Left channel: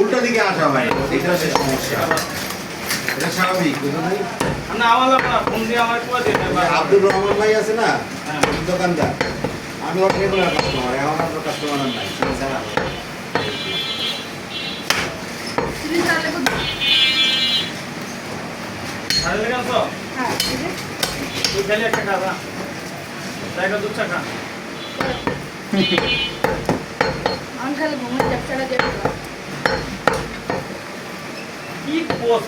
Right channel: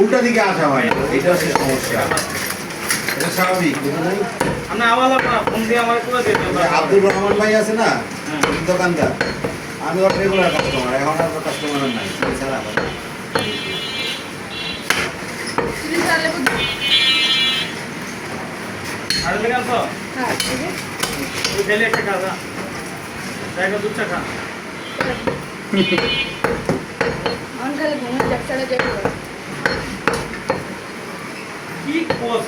উল্টা দিকে আসা হয় না, এটা হচ্ছে সমস্যা। এটা স্বাভাবিক। আব্দুর রহমান ভাই আছে না দোকানদার, আমি ওর রেগুলার কাস্টমার, এখন আর কাস্টমার নাই ছাড়া।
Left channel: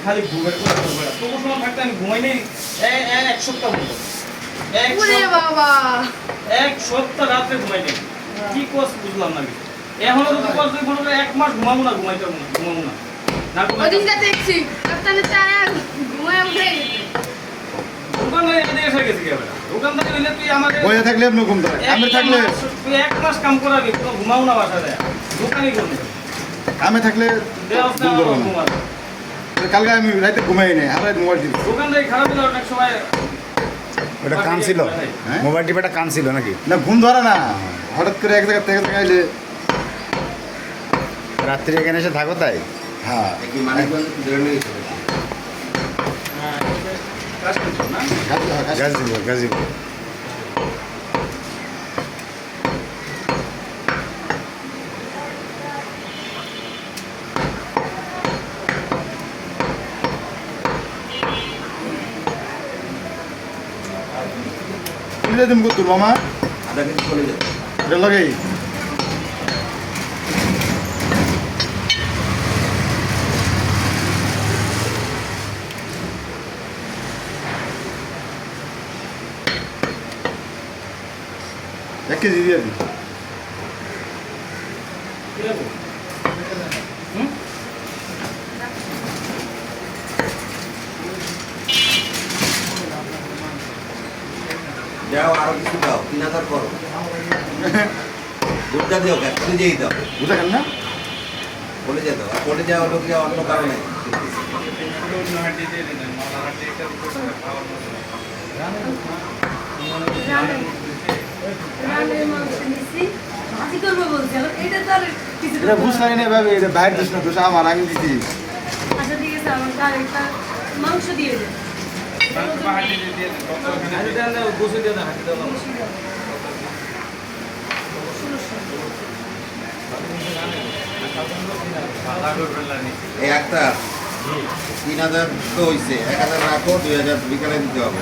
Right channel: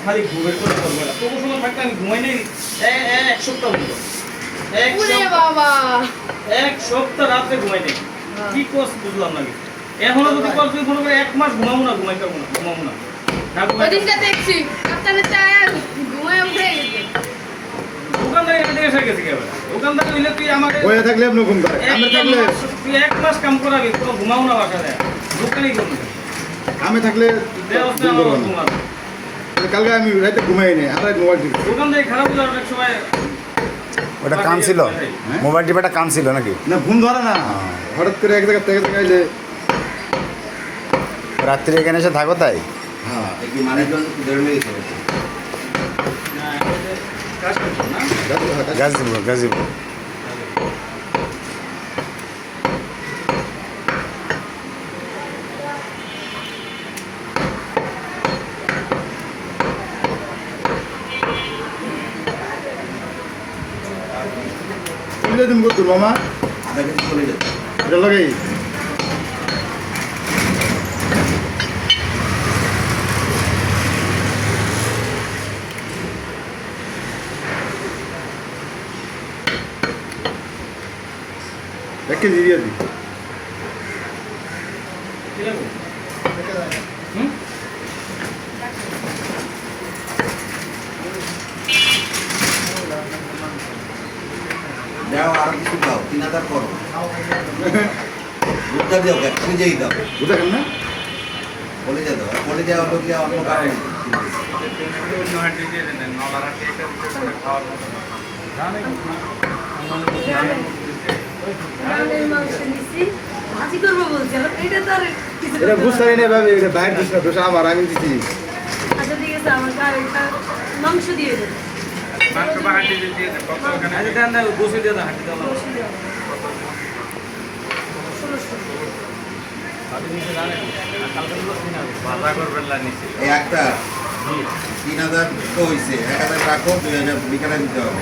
খালি ঘুমের করে করবে না, তবু সময় থাকতে আমি ঘুমাই নেই এক সপ্তাহ মতো। এক সপ্তাহ রাতে ঘুমাই নেই। কি কোর্স বুঝলাম না। এখনো যদি কোর্স তুই মনে করে 1 মাস ঘুমাবো না, ঘুমাইতে পারবো না, ঘুমাবো না। ওদিনটা দেখছি কাপ্তানের টায়ার ঘুমায় উঠে গেছে। দোকানদার এমনি এসে গেছে কেন? দোকানদার হইলে তুই আমাকে বইয়ে থাকলে আপনি ঘুম ধরে, আমি থাকলে তুই 1 মাস কাম করাবি, কোনো ঘুমাও না বাসা দেয়, দোকানই করবে। আমি থাকলে ব্যবস্থা ঘুমাবে। কালকে আমি রাতে ঘুমাই নাই, আর মোবাইল টিপি। দোকানদারি খারাপ হলে অনেক সময় ওটা কাম ছিল, মোবাইল টিপাটা কাম ছিল নাকি? না ঘুম ধরে না, হঠাৎ করে এক জায়গা থেকে আইলে। রাত্রি এখানে এসে থাকো তাই? হ্যাঁ, দেখি মানুষজন ধরে লেগেছে। গাজীপুর, গাজীপুর। তুমি কত মামা? আধা কেজি চলে যেত। এটা লাগাই এক কেজি দিয়ে দিই। যাও আরো কিছু দাও, 3000 করো। দুধটা দিও, খুঁজেই দাও। বুঝতে পারেন না? বলে যা দাও, বলে যা হলো কি অন্য কারণে। এটা বুঝতে পারি না ভাবে, এটা বাইরের দোষ না, দোষ আমার, আমি দিচ্ছি। আচ্ছা ঠিক আছে, আমার আর একটা মাংস দিয়ে দেন। এই একটা 3000 তো হয়েছে, 1000 রাখো, 2000 বিকালে দিতে হবে।